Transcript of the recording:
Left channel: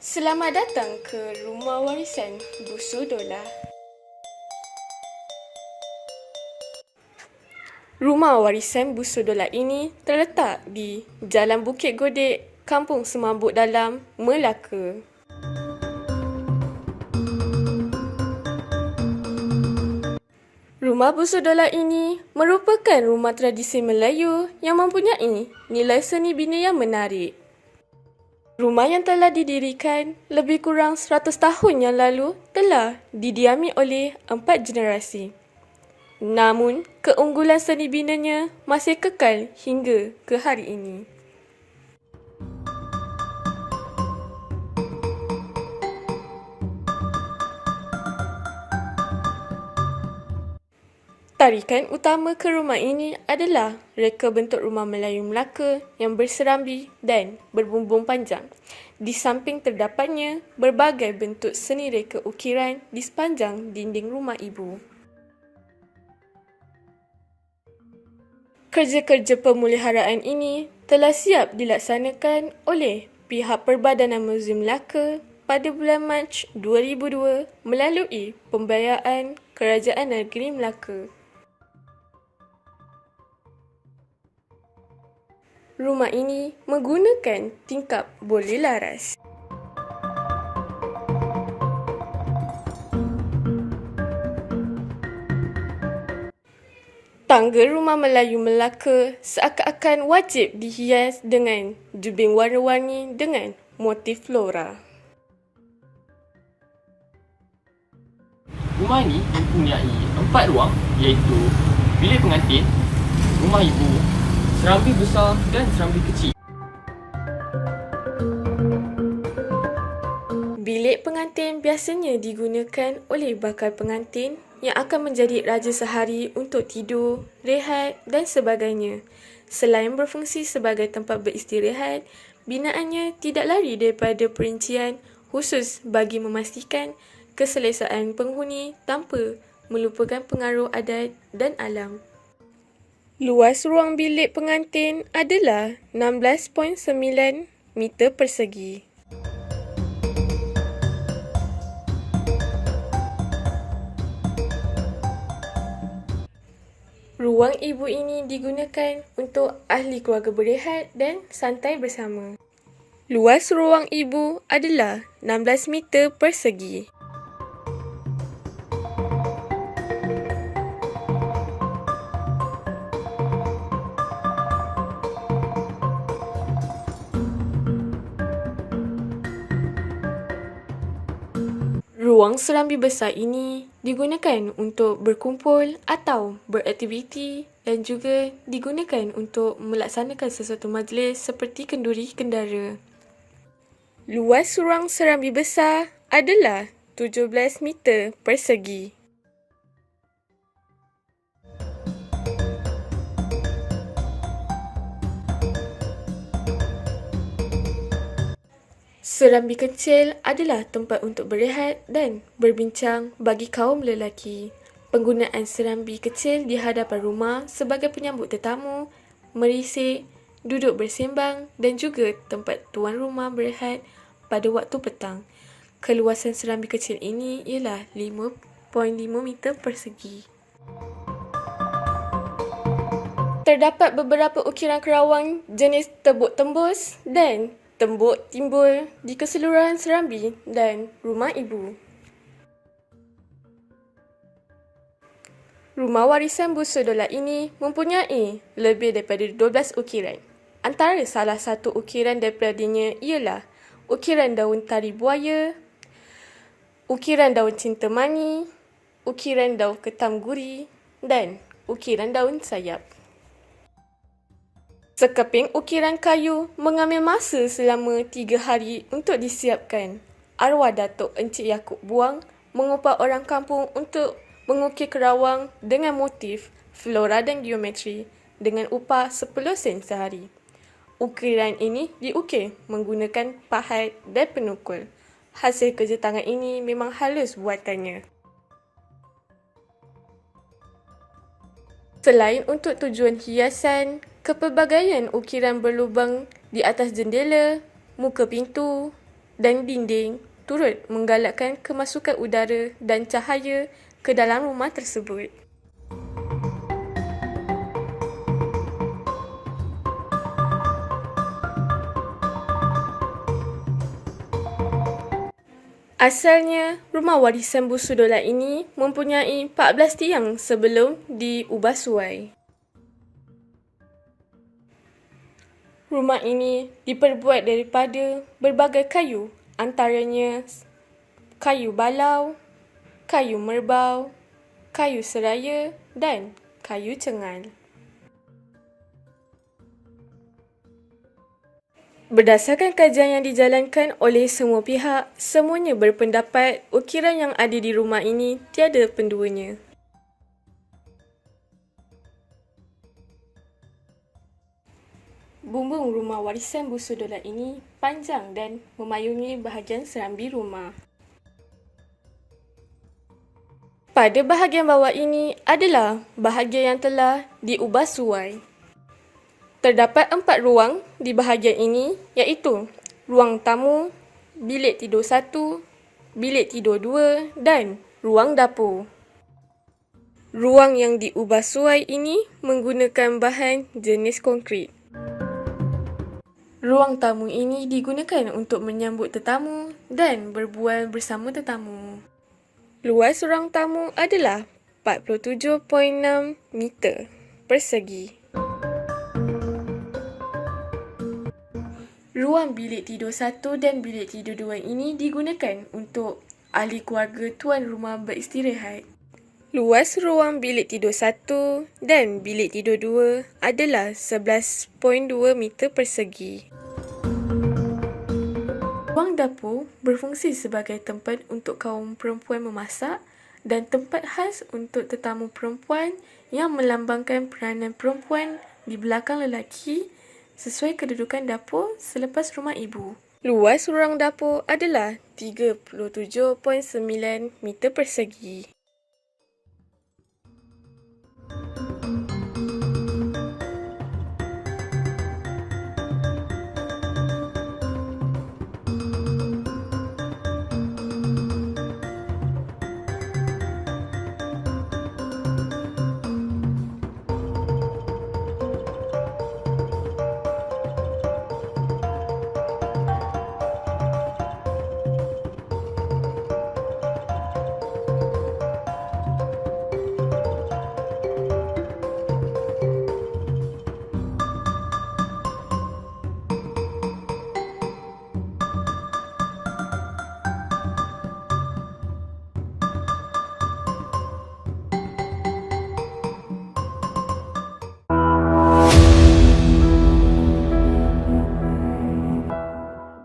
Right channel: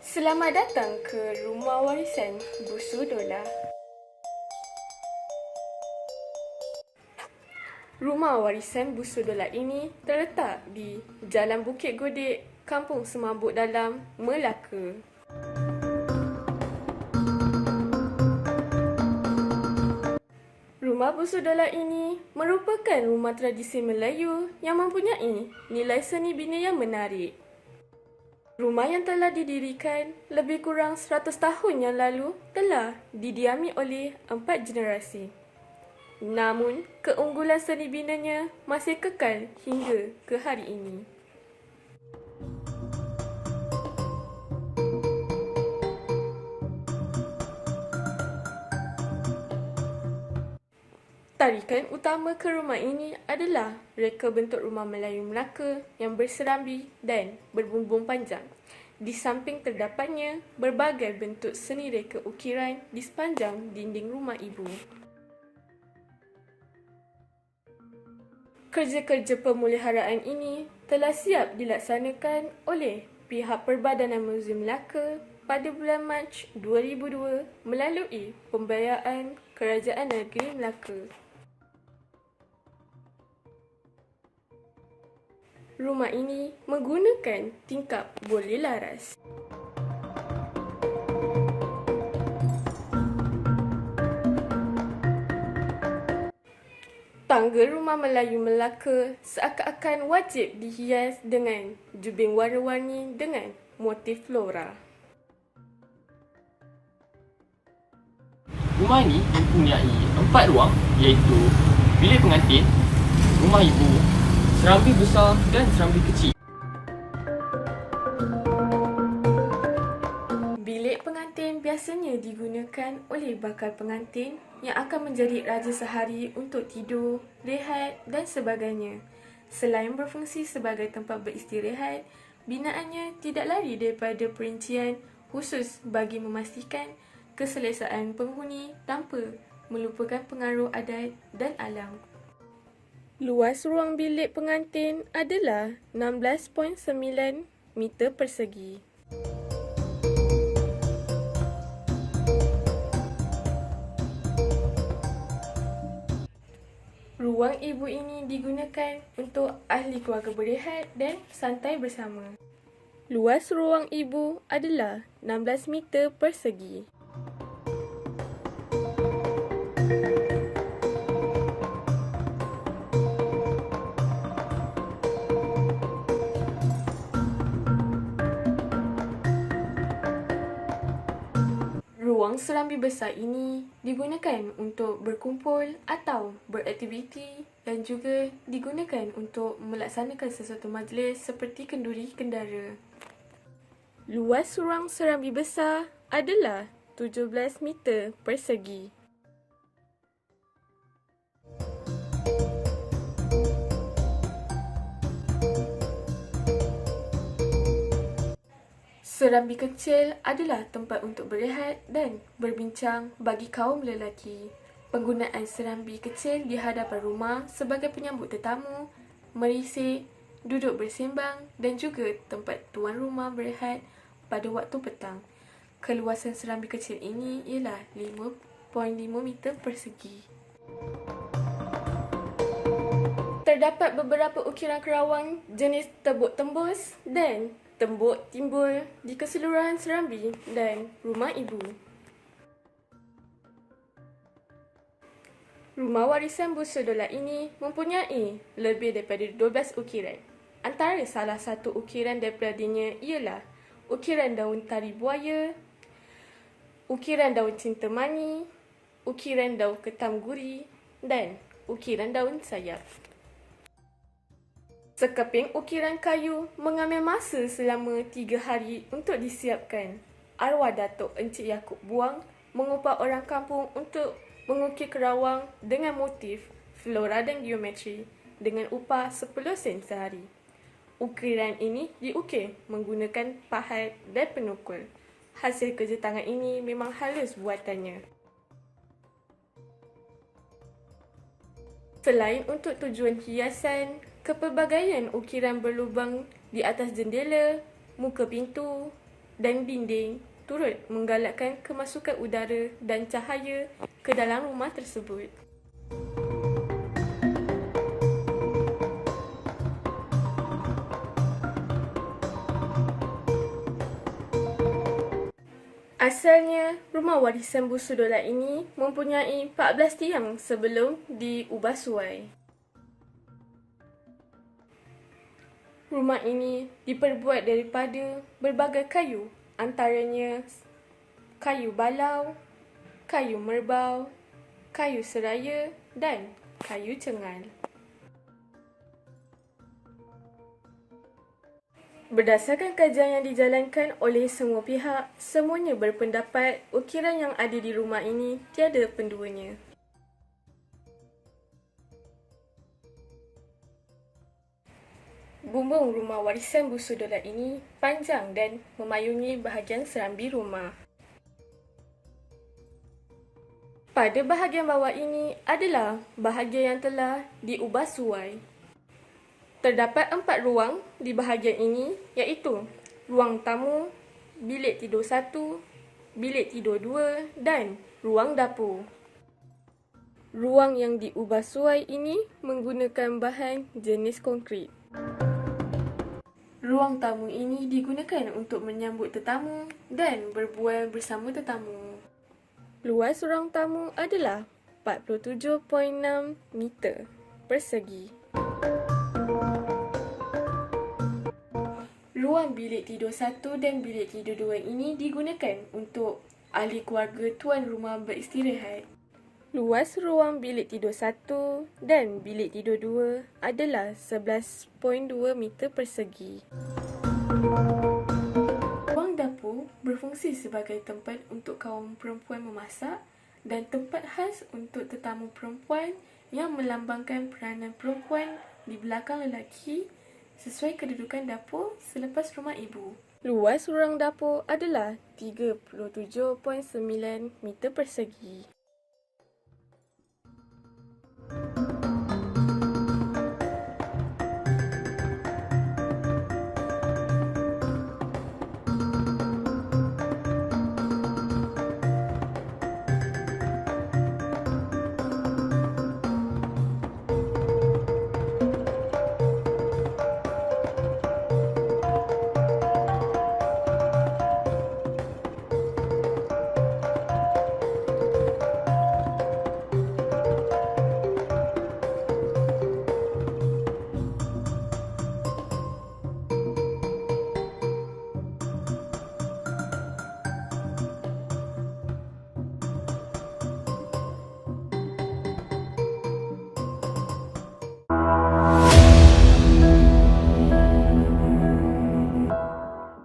Selamat datang ke Rumah Warisan Busodola. Rumah Warisan Busodola ini terletak di Jalan Bukit Godek, Kampung Semambuk Dalam, Melaka. Rumah Busodola ini merupakan rumah tradisi Melayu yang mempunyai nilai seni bina yang menarik. Rumah yang telah didirikan lebih kurang 100 tahun yang lalu telah didiami oleh 4 generasi. Namun, keunggulan seni binanya masih kekal hingga ke hari ini. Tarikan utama ke rumah ini adalah reka bentuk rumah Melayu Melaka yang berserambi dan berbumbung panjang. Di samping terdapatnya berbagai bentuk seni reka ukiran di sepanjang dinding rumah ibu. Kerja-kerja pemeliharaan ini telah siap dilaksanakan oleh pihak Perbadanan Muzium Melaka pada bulan Mac 2002 melalui pembiayaan Kerajaan Negeri Melaka. Rumah ini menggunakan tingkap boleh laras. Tangga rumah Melayu Melaka seakan-akan wajib dihias dengan jubing warna-warni dengan motif flora. Rumah ini mempunyai 4 ruang iaitu bilik pengantin, rumah ibu, serambi besar dan serambi kecil. Bilik pengantin biasanya digunakan oleh bakal pengantin yang akan menjadi raja sehari untuk tidur, rehat dan sebagainya. Selain berfungsi sebagai tempat beristirahat, binaannya tidak lari daripada perincian khusus bagi memastikan keselesaan penghuni tanpa melupakan pengaruh adat dan alam. Luas ruang bilik pengantin adalah 16.9 meter persegi. Ruang ibu ini digunakan untuk ahli keluarga berehat dan santai bersama. Luas ruang ibu adalah 16 meter persegi. Ruang serambi besar ini digunakan untuk berkumpul atau beraktiviti dan juga digunakan untuk melaksanakan sesuatu majlis seperti kenduri kendara. Luas ruang serambi besar adalah 17 meter persegi. Serambi kecil adalah tempat untuk berehat dan berbincang bagi kaum lelaki. Penggunaan serambi kecil di hadapan rumah sebagai penyambut tetamu, merisik, duduk bersembang dan juga tempat tuan rumah berehat pada waktu petang. Keluasan serambi kecil ini ialah 5.5 meter persegi. Terdapat beberapa ukiran kerawang jenis tembok tembus dan tembok timbul di keseluruhan serambi dan rumah ibu. Rumah Warisan Busodola ini mempunyai lebih daripada 12 ukiran. Antara salah satu ukiran daripadanya ialah ukiran daun tari buaya, ukiran daun cinta mani, ukiran daun ketam guri dan ukiran daun sayap. Sekeping ukiran kayu mengambil masa selama 3 hari untuk disiapkan. Arwah Datuk Encik Yaakob Buang mengupah orang kampung untuk mengukir kerawang dengan motif flora dan geometri dengan upah 10 sen sehari. Ukiran ini diukir menggunakan pahat dan penukul. Hasil kerja tangan ini memang halus buatannya. Selain untuk tujuan hiasan, kepelbagaian ukiran berlubang di atas jendela, muka pintu, dan dinding turut menggalakkan kemasukan udara dan cahaya ke dalam rumah tersebut. Asalnya, rumah warisan Busu Dolat ini mempunyai 14 tiang sebelum diubah suai. Rumah ini diperbuat daripada berbagai kayu, antaranya kayu balau, kayu merbau, kayu seraya dan kayu cengal. Berdasarkan kajian yang dijalankan oleh semua pihak, semuanya berpendapat ukiran yang ada di rumah ini tiada penduanya. Bumbung rumah warisan Busu Dolat ini panjang dan memayungi bahagian serambi rumah. Pada bahagian bawah ini adalah bahagian yang telah diubah suai. Terdapat 4 ruang di bahagian ini, iaitu ruang tamu, bilik tidur 1, bilik tidur 2 dan ruang dapur. Ruang yang diubah suai ini menggunakan bahan jenis konkrit. Ruang tamu ini digunakan untuk menyambut tetamu dan berbual bersama tetamu. Luas ruang tamu adalah 47.6 meter persegi. Ruang bilik tidur 1 dan bilik tidur 2 ini digunakan untuk ahli keluarga tuan rumah beristirahat. Luas ruang bilik tidur 1 dan bilik tidur 2 adalah 11.2 meter persegi. Ruang dapur berfungsi sebagai tempat untuk kaum perempuan memasak dan tempat khas untuk tetamu perempuan yang melambangkan peranan perempuan di belakang lelaki sesuai kedudukan dapur selepas rumah ibu. Luas ruang dapur adalah 37.9 meter persegi.